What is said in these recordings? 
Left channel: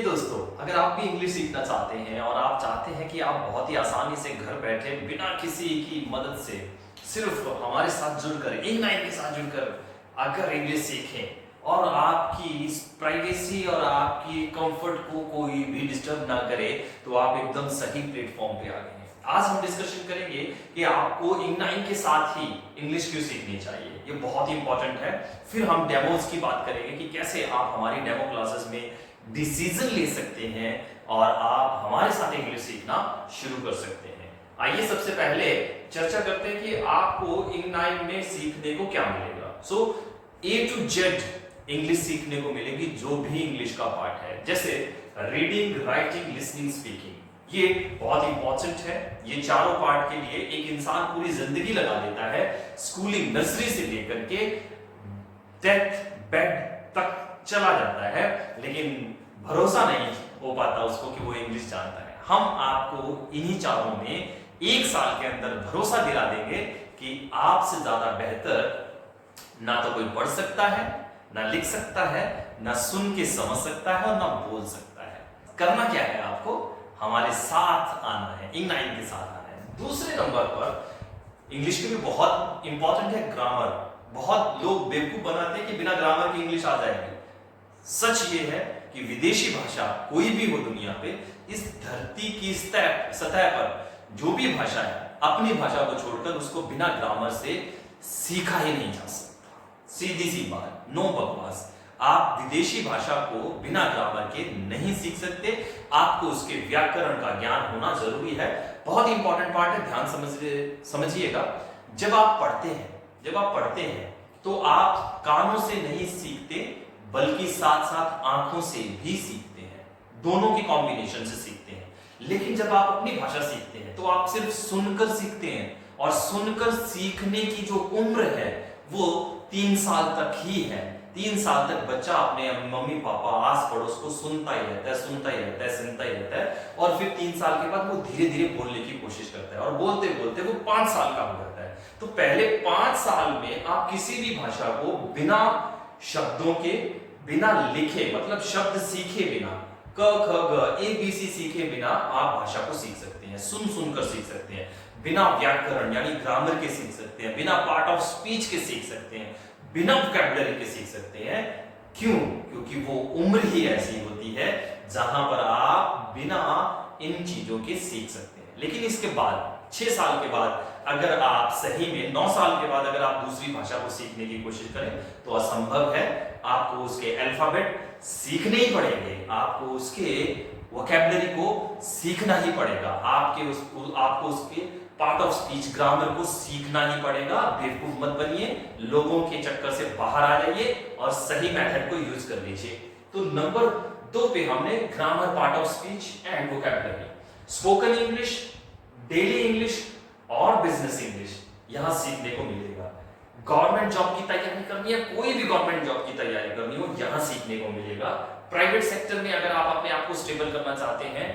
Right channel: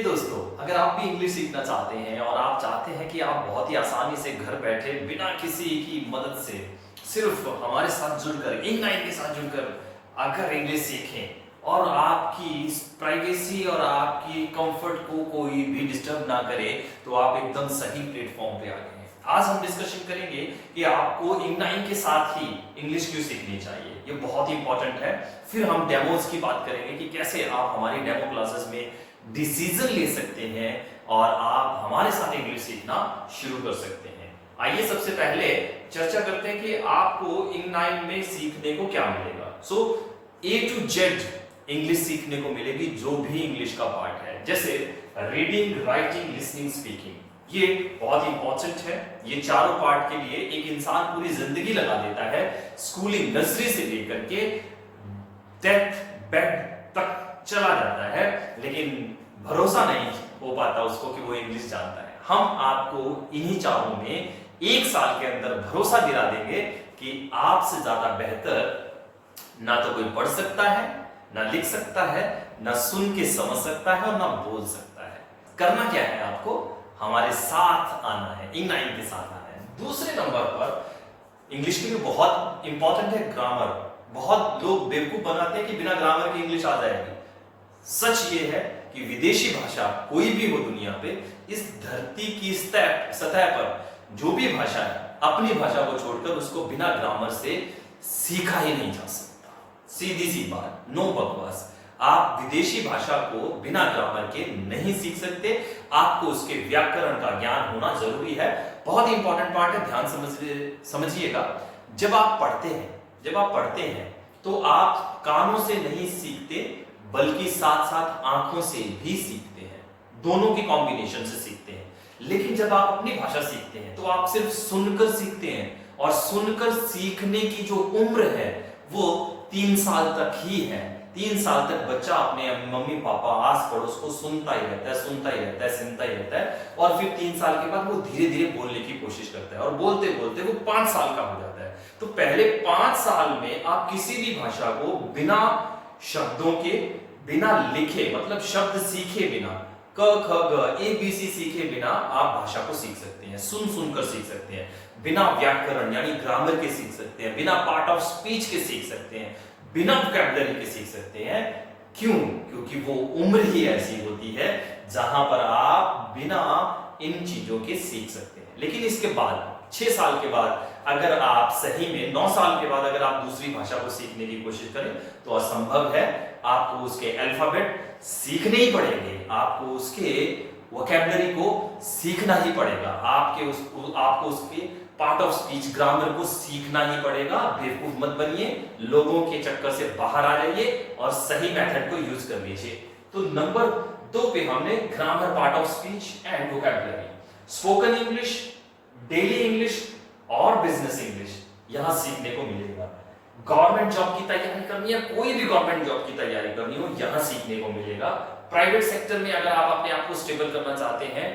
हे दोस्तों, अगर आप भी इंग्लिश सीखना चाहते हैं और आप चाहते हैं कि आप बहुत ही आसानी से घर बैठे बिना किसी की मदद से सिर्फ हमारे साथ जुड़कर इंग9 के साथ जुड़कर अगर इंग्लिश सीखें और आपकी प्राइवेसी और आपकी कंफर्ट को कोई भी डिस्टर्ब ना करे, तो आप एकदम सही प्लेटफॉर्म पे आ गए हैं। आज हम डिस्कशन करेंगे कि आपको इंग9 के साथ ही इंग्लिश क्यों सीखनी चाहिए। ये बहुत ही इंपॉर्टेंट है। फिर हम डेमोज की बात करेंगे कि कैसे आप हमारी डेमो क्लासेस में डिसीजन ले सकते हैं और आप हमारे साथ इंग्लिश सीखना शुरू कर सकते हैं। आइए सबसे पहले चर्चा करते हैं कि आपको इंग9 में सीखने को क्या मिलेगा। सो A to Z इंग्लिश सीखने को मिलेगी, जो भी इंग्लिश का पार्ट है, जैसे रीडिंग, राइटिंग, लिसनिंग, स्पीकिंग। ये बहुत इंपॉर्टेंट है। ये चारों पार्ट के लिए एक इंसान पूरी जिंदगी लगा देता है, स्कूलिंग नर्सरी से लेकर के डेथ बेड तक चला जाता है, लेकिन भरोसा नहीं हो पाता उसको कि वो इंग्लिश जानता है। हम आपको इन्हीं चारों में 1 साल के अंदर भरोसा दिला देंगे कि आपसे ज्यादा बेहतर ना तो कोई पढ़ सकता है, ना लिख सकता है, ना सुन के समझ सकता है और ना बोल सकता है। करना क्या है, आपको हमारे साथ आना है, इंग9 के साथ आना है। दूसरे नंबर पर इंग्लिश के लिए बहुत इंपॉर्टेंट है ग्रामर। बहुत लोग बेवकूफ बनाते हैं कि बिना ग्रामर की इंग्लिश आ जाएगी। सच ये है कि विदेशी भाषा कोई भी हो दुनिया पे, इस धरती की सतह पर जो भी भाषा है, अपनी भाषा को छोड़कर उसको बिना ग्रामर से सीखा ही नहीं जा सकता। सीधी सी बात, नो बकवास। आप विदेशी भाषा को बिना ग्रामर के नहीं सीख सकते। आपको उसके व्याकरण का ज्ञान होना जरूरी है। बहुत ही इंपॉर्टेंट पार्ट है, ध्यान समझिएगा। जब आप पढ़ते हैं तो आप कानों से नहीं सीखते, बल्कि साथ साथ आंखों से भी सीखते हैं। दोनों की कॉम्बिनेशन से सीखते हैं। लेकिन जब आप अपनी भाषा सीखते हैं तो आप सिर्फ सुनकर सीखते हैं, और सुनकर सीखने की जो उम्र है वो 3 साल तक ही है। 3 साल तक बच्चा अपने मम्मी पापा आस पड़ोस को सुनता ही रहता है, और फिर 3 साल के बाद वो धीरे धीरे बोलने की कोशिश करता है, और बोलते बोलते वो 5 साल का हो जाता है। तो पहले 5 साल में आप किसी भी भाषा को बिना शब्दों के, बिना लिखे, मतलब शब्द सीखे बिना, क ख ग ABC सीखे बिना आप भाषा को सीख सकते हैं। सुनकर सीख सकते हैं, बिना व्याकरण यानी ग्रामर के सीख सकते हैं, बिना पार्ट ऑफ स्पीच के सीख सकते हैं, बिना वोकैबुलरी के सीख सकते हैं। क्यों? क्योंकि वो उम्र ही ऐसी होती है जहां पर आप बिना इन चीजों के सीख सकते हैं। लेकिन इसके बाद 6 साल के बाद, अगर आप सही में 9 साल के बाद अगर आप दूसरी भाषा को सीखने की कोशिश करें तो असंभव है। आपको उसके अल्फाबेट सीखने ही पड़ेंगे, आपको उसके वोकैबुलरी को सीखना ही पड़ेगा, आपको उसके पार्ट ऑफ स्पीच, ग्रामर को सीखना ही पड़ेगा। बेवकूफ मत बनिए, लोगों के चक्कर से बाहर आ जाइए और सही मेथड को यूज कर लीजिए। तो नंबर 2 पे हमने grammar, part of speech and vocabulary, spoken English, daily English और बिजनेस इंग्लिश यहां सीखने को मिलेगा। गवर्नमेंट जॉब की तैयारी करनी है, कोई भी गवर्नमेंट जॉब की तैयारी करनी हो, यहां सीखने को मिलेगा। प्राइवेट सेक्टर में अगर आप अपने आप को स्टेबल करना चाहते हैं,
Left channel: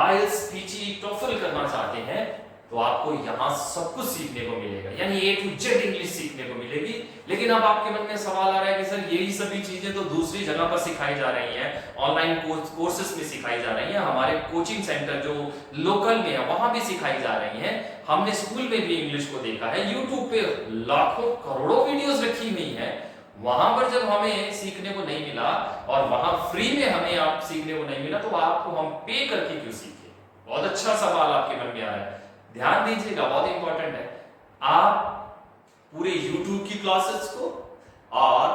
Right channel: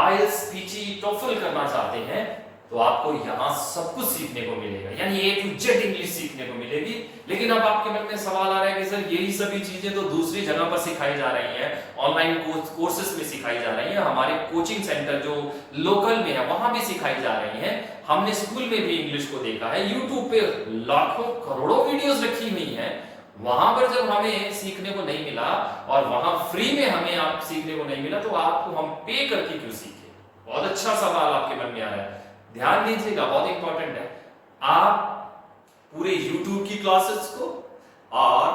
IELTS, PG, TOEFL करना चाहते हैं, तो आपको यहां सब कुछ सीखने को मिलेगा, यानी A to Z इंग्लिश सीखने को मिलेगी। लेकिन अब आपके मन में सवाल आ रहा है कि सर यही सभी चीजें तो दूसरी जगह पर सिखाई जा रही हैं, ऑनलाइन कोर्सेस में सिखाई जा रही हैं, हमारे कोचिंग सेंटर जो लोकल में है वहां भी सिखाई जा रही हैं, हमने स्कूल में भी इंग्लिश को देखा है, यूट्यूब पे लाखों करोड़ों वीडियोस रखी हुई हैं। वहां पर जब हमें सीखने को नहीं मिला और वहां फ्री में हमें आप सीखने को नहीं मिला, तो आपको हम पे करके क्यों सीखे? बहुत अच्छा सवाल आपके मन में आ रहा है, ध्यान दीजिएगा, बहुत इंपॉर्टेंट है। आप पूरे YouTube की क्लासेस को और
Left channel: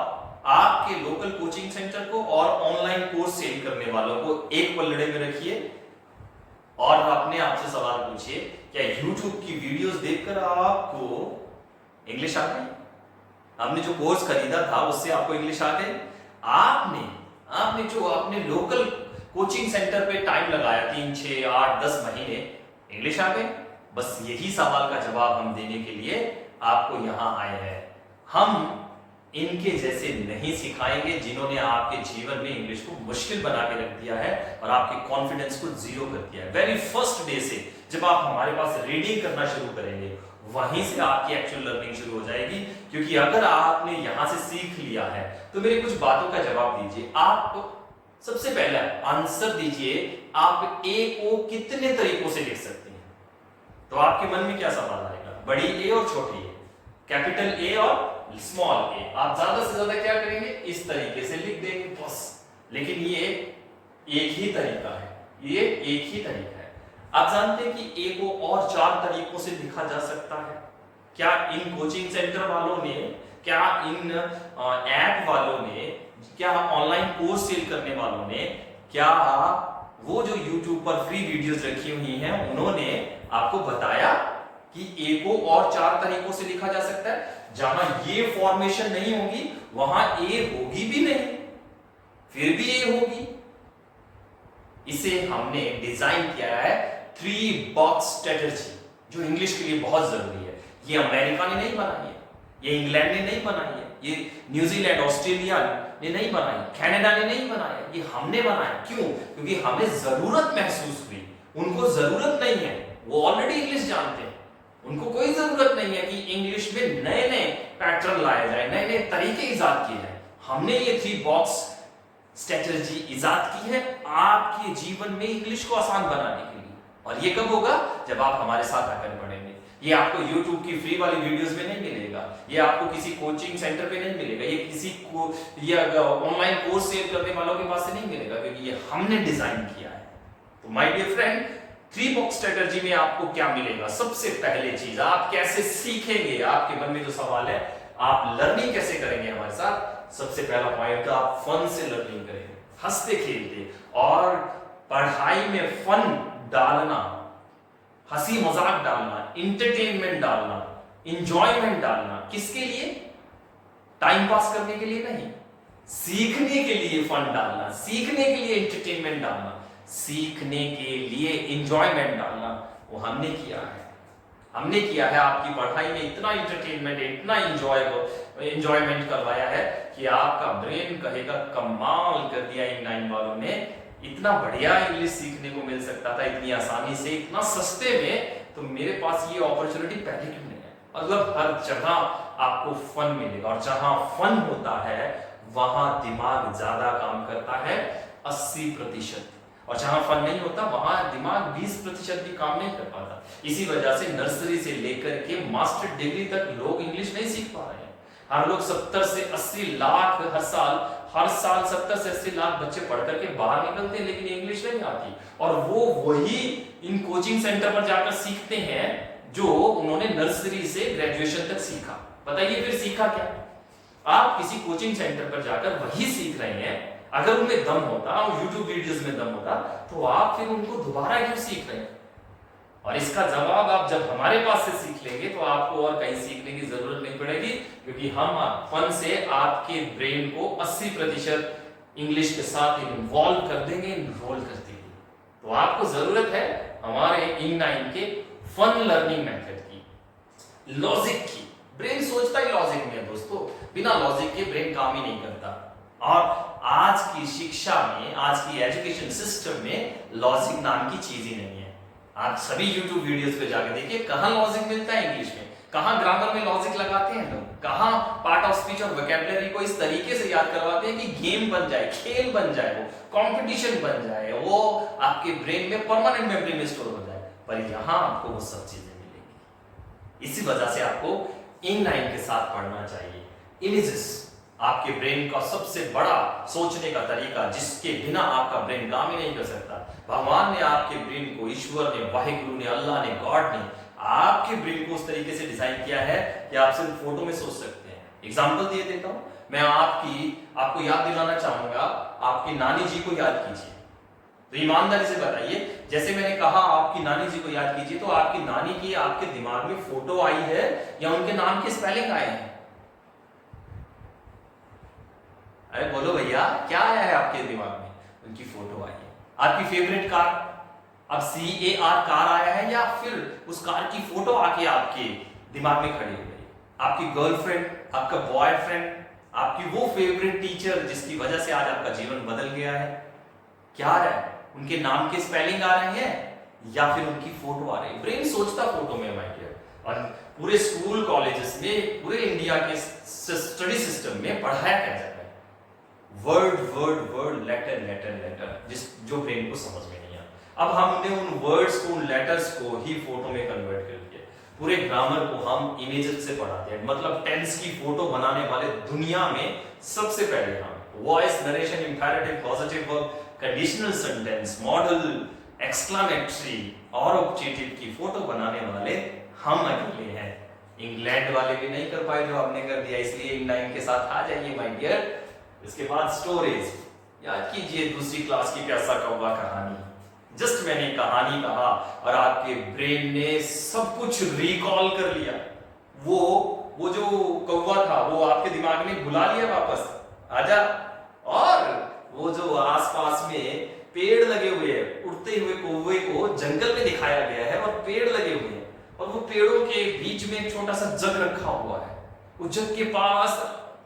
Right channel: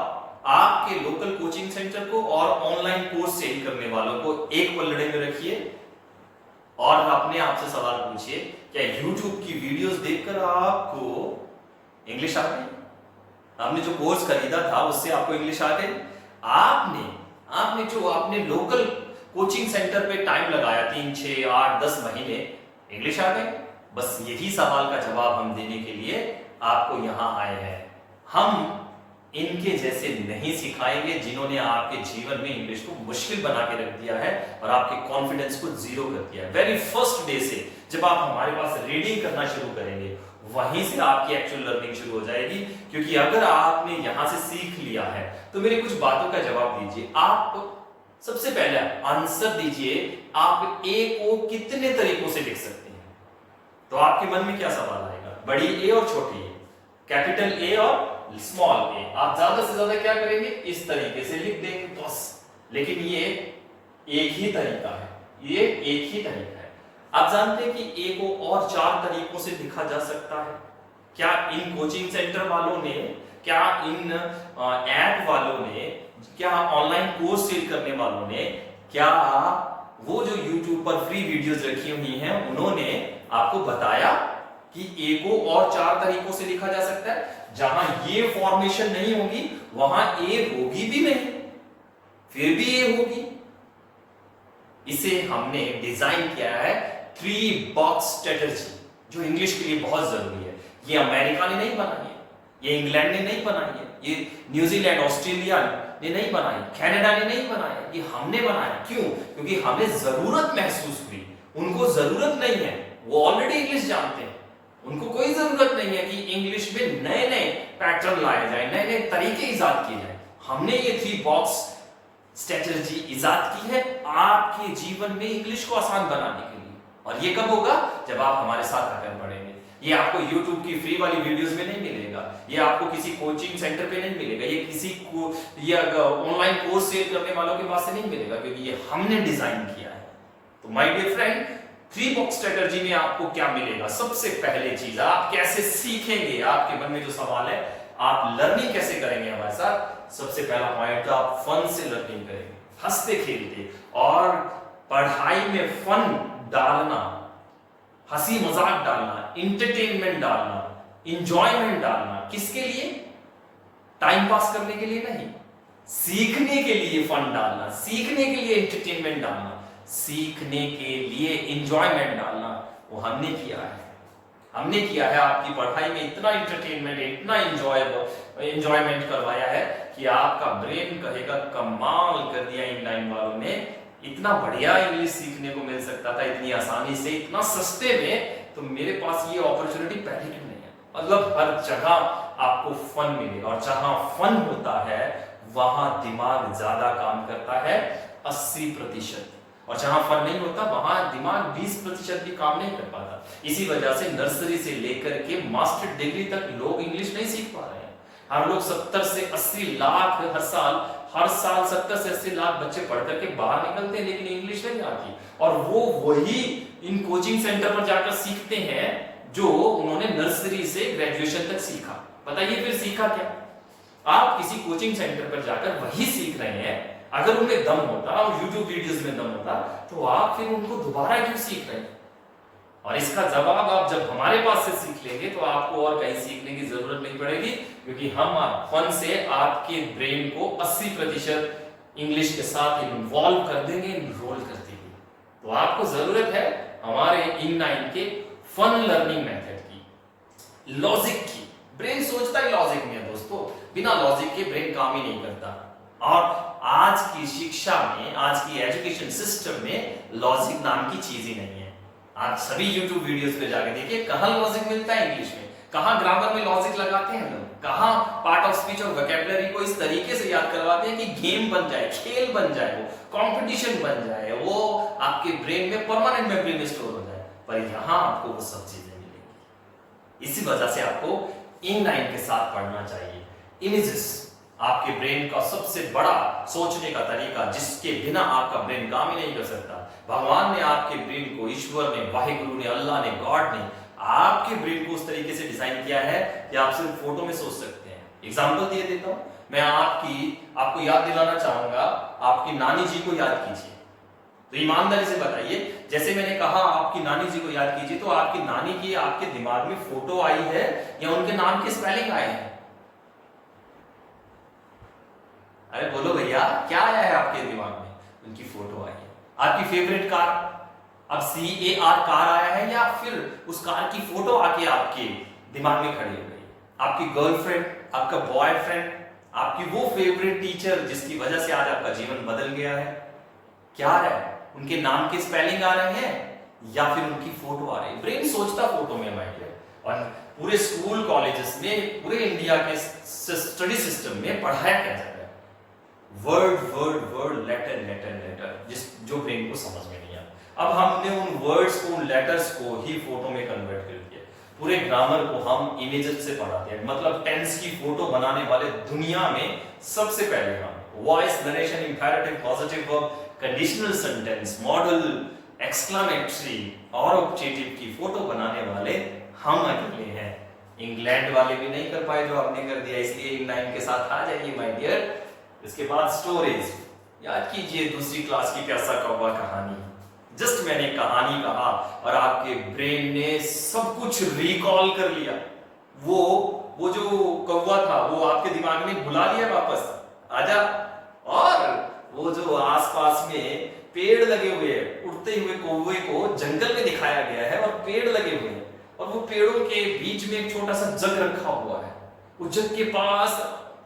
आपके लोकल कोचिंग सेंटर को और ऑनलाइन कोर्स सेल करने वालों को एक पलड़े में रखिए और अपने आप से सवाल पूछिए, क्या YouTube की वीडियोस देखकर आपको इंग्लिश आ गई? आपने जो कोर्स खरीदा था उससे आपको इंग्लिश आ गई? आपने जो अपने लोकल कोचिंग सेंटर पे टाइम लगाया 3, 6, 8, 10 महीने, इंग्लिश आ गई? बस यही सवाल का जवाब हम देने के लिए आपको यहां आए हैं। हम इनके जैसे नहीं सिखाएंगे जिन्होंने आपके जीवन में इंग्लिश को मुश्किल बना के रख दिया है और आपके कॉन्फिडेंस को जीरो कर दिया है। वेरी फर्स्ट डे से जब आप हमारे पास रीडिंग करना शुरू करेंगे, वहीं से आपकी एक्चुअल लर्निंग शुरू हो जाएगी। क्योंकि अगर आपने यहां से सीख लिया है तो मेरी कुछ बातों का जवाब दीजिए। आप सबसे पहले आंसर दीजिए, आप ए को कितने तरीकों से लिख सकते हैं। तो आपके मन में क्या सवाल आएगा, बड़ी ए और छोटी ए, कैपिटल ए और स्मॉल ए। आप ज्यादा से ज्यादा क्या करेंगे, इस तरीके से लिख देंगे बस। लेकिन ये एक ही तरीका है, ये एक ही तरीका है। आप जानते हैं कि ए को और 4 तरीकों से लिखा जा सकता है। क्या इन कोचिंग सेंटर वालों ने, क्या इन ऐप वालों ने, क्या ऑनलाइन कोर्स सेल करने वालों ने, क्या वो जो YouTube पर फ्री वीडियोस रखी हुई हैं उन्होंने आपको बताया कि ए को और 4 तरीकों से लिखा जा सकता है? जहां ये फॉर्मेशन नहीं होगी वहां ए होगी भी नहीं, फिर भी ए होगी। इसे हमने डिजाइन किया है 3 बॉक्स स्ट्रेटजी, जो इंग्लिश के लिए बहुत जरूरी है। ये अमेरिका ने नहीं बनाई है, ये इंग्लैंड ने नहीं बनाई है, ये न्यूजीलैंड ऑस्ट्रेलिया ने नहीं बनाई, कनाडा ने नहीं बनाया, ये हमने बनाया। क्यों? क्योंकि हमें जरूरत महसूस हुई। उनको जरूरत नहीं है, वो ऑलरेडी इंग्लिश जानते हैं, उनको कोई जरूरत नहीं है कि इंग्लिश में नए नए पैटर्न लाए जाए, नए नए तरीके इजाद किए जाए। हमने ये 3 बॉक्स स्ट्रेटजी इजाद की है आपके जीवन में इंग्लिश को आसान बनाने के लिए। और ये कब होगा? जब आप हमारे साथ आकर पढ़ेंगे। ये आपको YouTube की फ्री वाली वीडियोस में नहीं मिलेगा, ये आपको किसी कोचिंग सेंटर पे नहीं मिलेगा, ये किसी को ये ऑनलाइन कोर्स सेल करने वालों के पास से नहीं मिलेगा, क्योंकि ये हमने डिजाइन किया है। तो my dear friend, 3 box strategy में आपको क्या मिलेगा? सबसे पहले चीज, आप कैसे सीखेंगे? आपके मन में जो सवाल है, आप लर्निंग कैसे करेंगे हमारे साथ? सबसे पहला पॉइंट, आप फन से लर्निंग करेंगे, हंसते खेलते। और पढ़ाई में फन डालना, हंसी मजाक डालना, इंटरटेनमेंट डालना, इंजॉयमेंट डालना, किसके लिए? टाइम पास करने के लिए नहीं, सीखने के लिए फन डालना, सीखने के लिए इंटरटेनमेंट डालना, सीखने के लिए इंजॉयमेंट डालना। वो हमने किया है, हमने किया है। आपकी पढ़ाई में इतना इंटरटेनमेंट, इतना इंजॉयमेंट करवाया है कि आपका ब्रेन कहेगा कमाल कर दिया इन 9 वालों ने, इतना बढ़िया इंग्लिश सीखने को मिल सकता था इतनी आसानी से, इतना सस्ते में। तो मेरे पास ये अपॉर्चुनिटी पहले क्यों नहीं है? मतलब हर जगह आपको फन मिलेगा, और जहां फन होता है वहां दिमाग ज्यादा काम करता है, 80%। और जहां फन नहीं होता वहां दिमाग 20% भी काम नहीं कर पाता। इसी वजह से नर्सरी से लेकर के मास्टर डिग्री तक लोग इंग्लिश नहीं सीख पा रहे हैं। हम लोग 70 से 80 लाख हर साल 70 से 80 लाख बच्चे पढ़ करके बाहर निकलते हैं, लेकिन इंग्लिश नहीं आती। और वो वही इन कोचिंग सेंटर पर जाकर सीखते हैं जो उन्होंने नर्सरी से ग्रेजुएशन तक सीखा। बताइए फिर सीखा क्या? आप किसी कोचिंग सेंटर पर जाकर वही सीख रहे हैं। अगर उनमें दम होता और YouTube वीडियोस में दम होता तो आप फिर उनको दोबारा क्यों सीख रहे हैं? और इसका जवाब आप जब हमारे पास से सीख लेंगे तो आपको और कहीं सीखने की जरूरत नहीं पड़ेगी, क्योंकि हम फन से आपके ब्रेन को 80% इंग्लिश के साथ इन्वॉल्व कर देंगे, इनरोल कर देंगे। तो आपको जरूरत है हमारे इन9 के फन लर्निंग मेथड की, लॉजिक की। ब्रेन सोचता ही लॉजिक में है दोस्तों, बिना लॉजिक के ब्रेन काम ही नहीं करता। और आज की शिक्षा में, आज की एजुकेशन सिस्टम में लॉजिक नाम की चीज ही नहीं है। आप सभी YouTube वीडियोस पे जाके देखिए, कहां लॉजिक मिलता है इंग्लिश में, कहां ग्रामर में लॉजिक लगाते हैं लोग, कहां पार्ट ऑफ स्पीच और वोकैबुलरी को इस तरीके से याद करवाते हैं कि गेम बन जाए, खेल बन जाए, वो कंपटीशन बन जाए, वो आपके ब्रेन में परमानेंट मेमोरी में स्टोर हो जाए। पर यहां आपको वो सब चीजें मिलेंगी। इसी वजह से आपको इन9 के साथ पढ़ना चाहिए। इमेजेस आपके ब्रेन का सबसे बड़ा सोचने का तरीका, जिसके बिना आपका ब्रेन काम ही नहीं कर सकता। भगवान ने आपके ब्रेन को, ईश्वर ने, वाहिगुरु ने, अल्लाह ने, गॉड ने आपके ब्रेन को उस तरीके से डिजाइन किया है कि आप सिर्फ फोटो में सोच सकते हैं। एग्जांपल दिए देता हूं मैं, आपको याद दिलाना चाहूंगा, आपकी नानी जी को याद कीजिए। तो ईमानदारी से बताइए, जैसे मैंने कहा आपकी नानी जी को याद कीजिए, तो आपकी नानी की आपके दिमाग में फोटो आई है या उनके नाम के स्पेलिंग आए हैं? अरे बोलो भैया, क्या आया है आपके दिमाग में? उनकी फोटो आई है। आपकी फेवरेट कार, अब CAR कार आया है, या फिर उस कार की फोटो आके आपके दिमाग में खड़ी हो गई? आपकी गर्लफ्रेंड, आपका बॉयफ्रेंड, आपकी वो फेवरेट टीचर जिसकी वजह से आज आपका जीवन बदल गया है, क्या आ रहा है? उनके नाम के स्पेलिंग आ रहे हैं या फिर उनकी फोटो आ रही है? ब्रेन सोचता फोटो में माय डियर। और पूरे स्कूल कॉलेजेस में, पूरे इंडिया के स्टडी सिस्टम में पढ़ाया क्या जाता है? Word word word, letter letter letter, जिस जो ब्रेन को समझ में नहीं आता। अब हमने उन वर्ड्स को, उन लेटर्स को ही फोटो में कन्वर्ट कर दिया। पूरे ग्रामर को हम इमेजेस से पढ़ाते हैं, मतलब टेंस की फोटो बनाने वाले दुनिया में सबसे पहले हम। Voice, narration, imperative, positive verb, conditional sentence, model, exclamatory और ऑब्जेक्टिव की फोटो बनाने वाले हम अकेले हैं। इंग्लैंड वाले भी नहीं कर पाए जो आपने कर दिया, इसलिए इंग्लैंड के साथ आ जाइए माय डियर। इसके बाद स्टोरीज याद कीजिए, दूसरी क्लास की प्यासा कौवा कहानी। जस्ट मैंने कहानी कहा और आपके ब्रेन ने सब कुछ रिकॉल कर लिया। वो जो कौवा था वो आपके दिमाग में बुला लिया वापस, आजा। और वो जो आसपास में पेड़ लगे हुए हैं, उड़ते हुए कौवे को जंगल में दिखाया गया है और पेड़ लगे हुए हैं, और वो पेड़ों के बीच में एक छोटा सा जग रखा हुआ है। वो जग के पास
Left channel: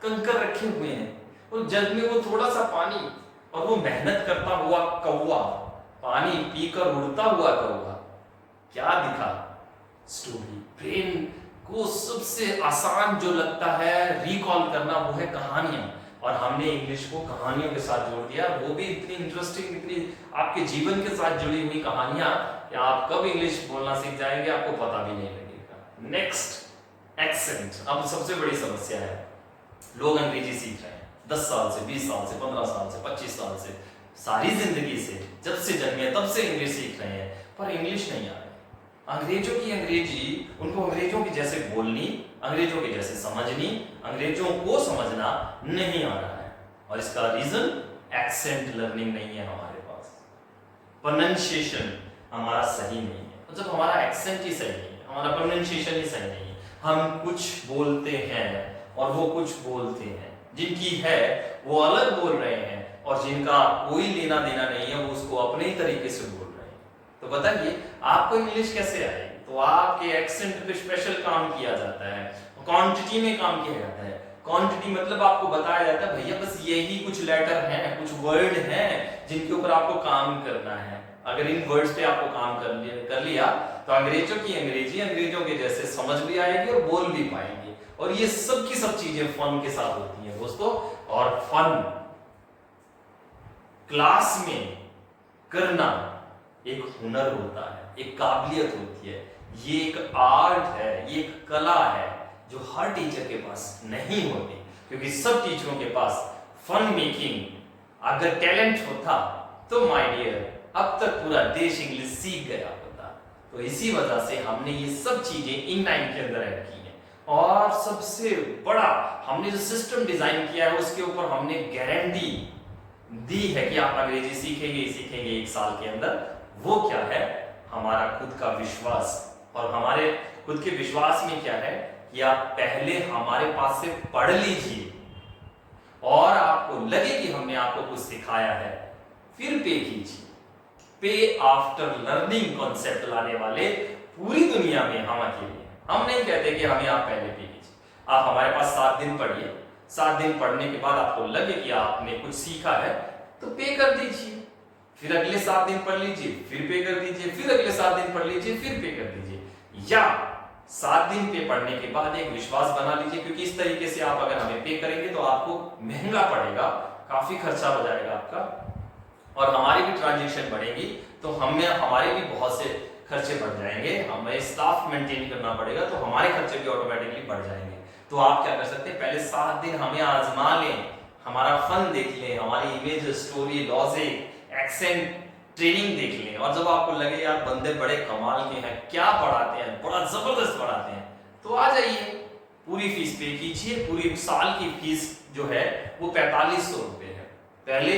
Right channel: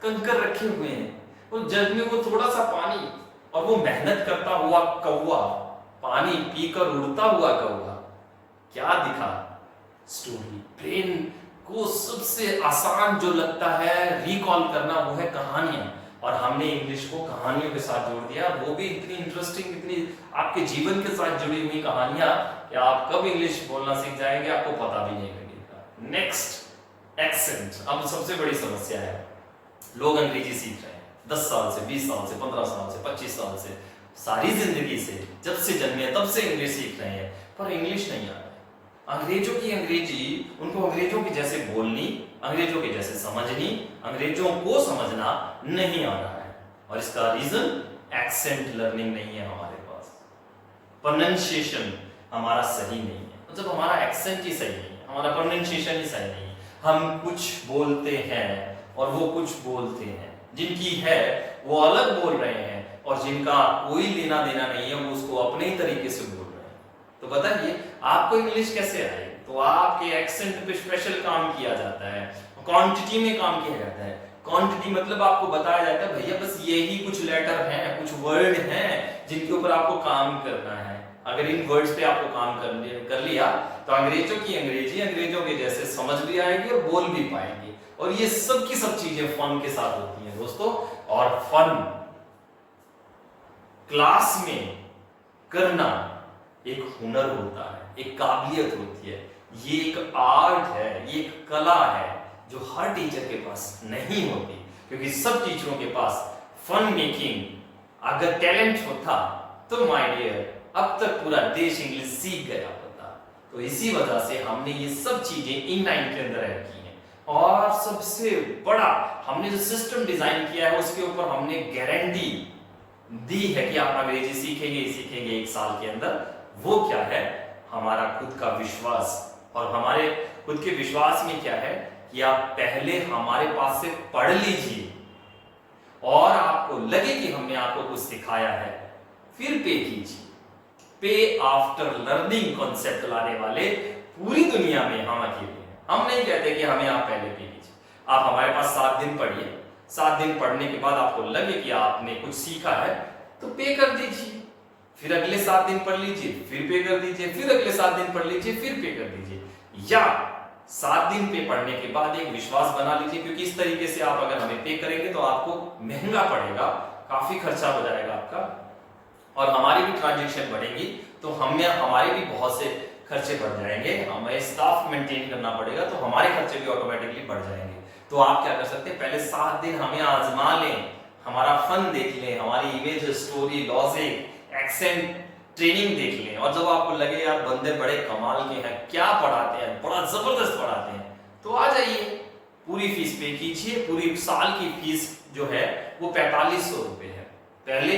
कंकर रखे हुए हैं, और जग में वो थोड़ा सा पानी, और वो मेहनत करता हुआ कौवा, पानी पीकर उड़ता हुआ कौवा। क्या दिखा? स्टोरी। ब्रेन को सबसे आसान जो लगता है रिकॉल करना वो है कहानियां, और हमने इंग्लिश को कहानियों के साथ जोड़ दिया, वो भी इतनी इंटरेस्टिंग, इतनी आपके जीवन के साथ जुड़ी हुई कहानियां कि आप कब इंग्लिश बोलना सीख जाएंगे आपको पता भी नहीं लगेगा। Next, accent. अब सबसे बड़ी समस्या है, लोग अंग्रेजी सीख रहे हैं 10 साल से, 20 साल से, 15 साल से, 25 साल से, सारी जिंदगी से, जब से जन्मे तब से इंग्लिश सीख रहे हैं, पर इंग्लिश नहीं आ रहा है। अंग्रेजों की अंग्रेजी, उनको अंग्रेजों के जैसे बोलनी, अंग्रेजों के जैसे समझनी, अंग्रेजों को समझना नहीं आ रहा है। और इसका रीजन एक्सेंट लर्निंग नहीं है हमारे पास, प्रोनंसिएशन हमारा सही नहीं है। तो जब हमारा एक्सेंट ही सही नहीं है, हमारा प्रोनंसिएशन ही सही नहीं है, हम कुछ बोलते हैं और वो कुछ बोलते हैं, जिनकी है वो अलग बोल रहे हैं, और जिनका कोई लेना देना नहीं है वो उसको अपने ही तरीके से बोल रहे हैं। तो बताइए आपको इंग्लिश कैसे आएगी? तो आपके एक्सेंट पे स्पेशल काम किया जाता है, क्वांटिटी में काम किया जाता है। क्वांटिटी मतलब आपको बताया जाता है भैया बस यही कुछ लेटर हैं, कुछ वर्ड हैं जिनके ऊपर आपको काम करना है। अगर इन वर्ड्स पे आपको काम कर लिया तो अंग्रेजों की अंग्रेजी अंग्रेजों के जैसे समझ भी आएगी और बोल भी पाएंगे। और ये सब की सब चीजें फन के साथ होती हैं दोस्तों। और फन क्लास में करना एक हुनर होता है, एक काबिलियत होती है, ये एक आर्ट है, ये एक कला है जो हर टीचर के पास नहीं होती। क्योंकि सब टीचरों के पास फन मेकिंग अगर टैलेंट होता तो माय डियर अब तक पूरा देश इंग्लिश सीख गया होता। तो इसी वजह से हमने ये सब चीजें इन9 के अंदर ऐड की हैं। और सबसे बड़ा हमने जो सिस्टम डिजाइन किया है उसके ऊपर हमने गारंटी दी है कि आप अंग्रेजी सीखेंगे ही सीखेंगे 1 साल के अंदर। वो क्या है? हमारा खुद का विश्वास। और हमारे खुद के विश्वास में क्या है कि आप पहले हमारे पास से पढ़ लीजिए और आपको लगे कि हमने आपको कुछ सिखाया है, फिर पे कीजिए। पे आफ्टर लर्निंग कॉन्सेप्ट लाने वाले पूरी दुनिया में हम अकेले हैं। हम नहीं कहते कि हमें आप पहले पे कीजिए। आप हमारे पास 7 दिन पढ़िए, 7 दिन पढ़ने के बाद आपको लगे कि आपने कुछ सीखा है तो पे कर दीजिए। फिर अगले 7 दिन पढ़ लीजिए, फिर पे कर दीजिए, फिर अगले 7 दिन पढ़ लीजिए, फिर पे कर दीजिए। या 7 दिन पे पढ़ने के बाद एक विश्वास बना लीजिए, क्योंकि इस तरीके से आप अगर हमें पे करेंगे तो आपको महंगा पड़ेगा, काफी खर्चा हो जाएगा आपका, और हमारी भी ट्रांजेक्शन बढ़ेगी तो हमारे भी बहुत से खर्चे बढ़ जाएंगे। हमें स्टाफ मेंटेन करना पड़ेगा तो हमारे खर्चे भी ऑटोमेटिकली बढ़ जाएंगे। तो आप क्या कर सकते हैं, पहले 7 दिन हमें आजमा लें, हमारा फन देख लें, हमारी image, story, logic, accent training देख लें। और जब आपको लगे यार बंदे बड़े कमाल के हैं, क्या पढ़ाते हैं, बड़ा जबरदस्त पढ़ाते हैं, तो आ जाइए, पूरी फीस पे कीजिए। पूरी साल की फीस जो है वो 4500 रुपए है। पहले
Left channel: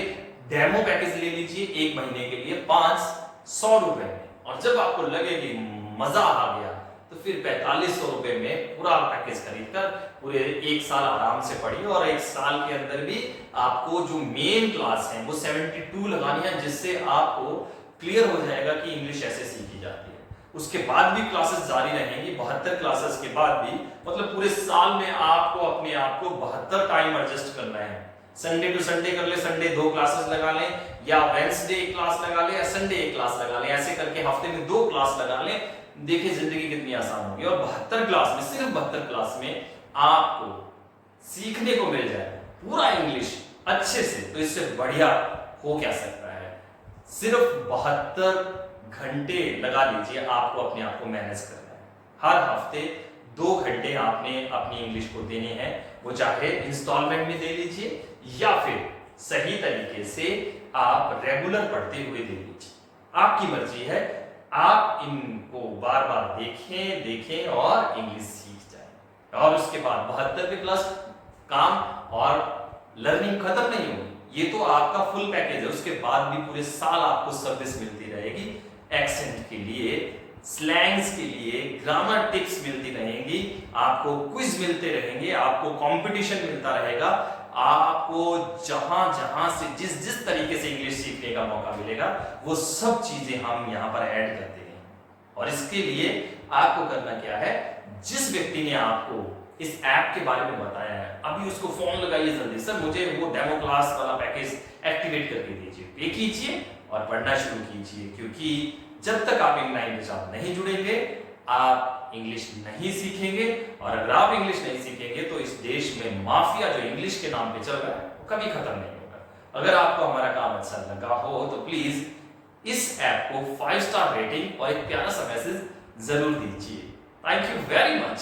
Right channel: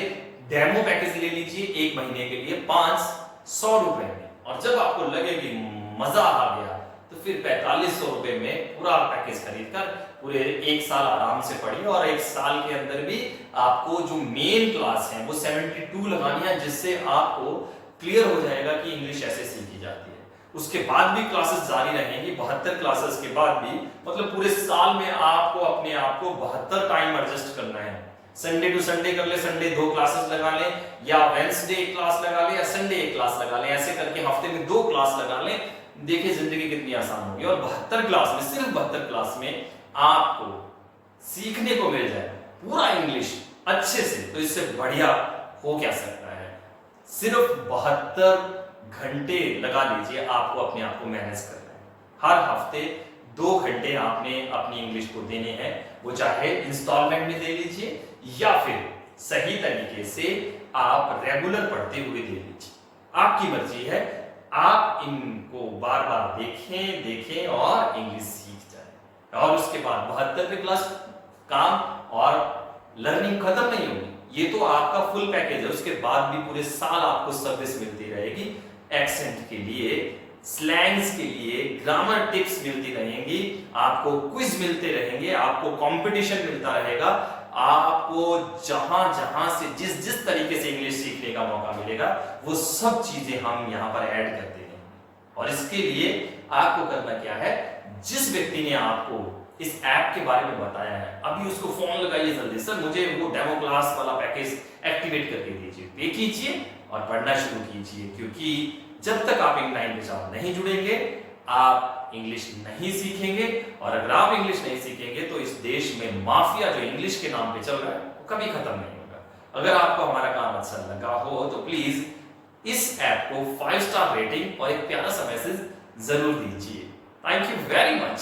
डेमो पैकेज ले लीजिए 1 महीने के लिए 500 रुपए में, और जब आपको लगे कि मजा आ गया तो फिर 4500 रुपए में पूरा पैकेज खरीद कर पूरे 1 साल आराम से पढ़िए। और 1 साल के अंदर भी आपको जो मेन क्लास है वो 72 लगानी है, जिससे आपको क्लियर हो जाएगा कि इंग्लिश ऐसे सीखी जाती है। उसके बाद भी क्लासेस जारी रहेंगी, 72 क्लासेस के बाद भी, मतलब पूरे साल में आपको अपने आप को 72 टाइम एडजस्ट करना है। संडे टू संडे कर ले, संडे 2 क्लासेस लगा ले, या वेंसडे 1 क्लास लगा ले, या संडे 1 क्लास लगा ले, ऐसे करके हफ्ते में 2 क्लास लगा ले। देखिए जिंदगी कितनी आसान होगी। और 72 क्लास में, सिर्फ 72 क्लास में आपको सीखने को मिल जाए पूरा इंग्लिश अच्छे से, तो इससे बढ़िया हो क्या सकता है। सिर्फ 72 घंटे लगा लीजिए, आपको अपने आप को मैनेज करना है। हर हफ्ते 2 घंटे आपने अपनी इंग्लिश को देने हैं, वो चाहे इंस्टॉलमेंट में दे लीजिए या फिर सही तरीके से आप रेगुलर पढ़ते हुए दे लीजिए, आपकी मर्जी है। आप इनको बार बार देखें देखें और इंग्लिश सीख जाए, और उसके बाद 72वें क्लास काम और लर्निंग खत्म नहीं होगी। ये तो आपका फुल पैकेज है, उसके बाद भी पूरे साल आपको सर्विस मिलती रहेगी। एक्सेंट के लिए, स्लैंग्स के लिए, ग्रामर टिप्स मिलती रहेंगी, आपको क्विज मिलते रहेंगे, आपको कंपटीशन मिलता रहेगा, आपको जहां जहां से जिस जिस तरीके से इंग्लिश सीखने का मौका मिलेगा वो सब चीजें हम यहां पर ऐड करते हैं। और इसके लिए आपको करना क्या है, जिस व्यक्ति ने आपको इस ऐप के बारे में बताया है, अभी उसको फोन लगाइए जल्दी, सर मुझे वो डेमो क्लास वाला पैकेज एक्टिवेट करके दीजिए, पे कीजिए और पढ़ना शुरू कीजिए। क्योंकि जब तक आप इन9 के साथ नहीं जुड़ेंगे, आप इंग्लिश नहीं सीखेंगे, और अगर आप इंग्लिश नहीं सीखेंगे तो इस देश में माफिया जो इंग्लिश के नाम पे चल रहा है वो कभी खत्म नहीं होगा। अगर आपको हमारा काम अच्छा लगा हो तो प्लीज इस ऐप को 5 स्टार रेटिंग और एक प्यारा सा मैसेज जरूर दीजिए। Thank you very much.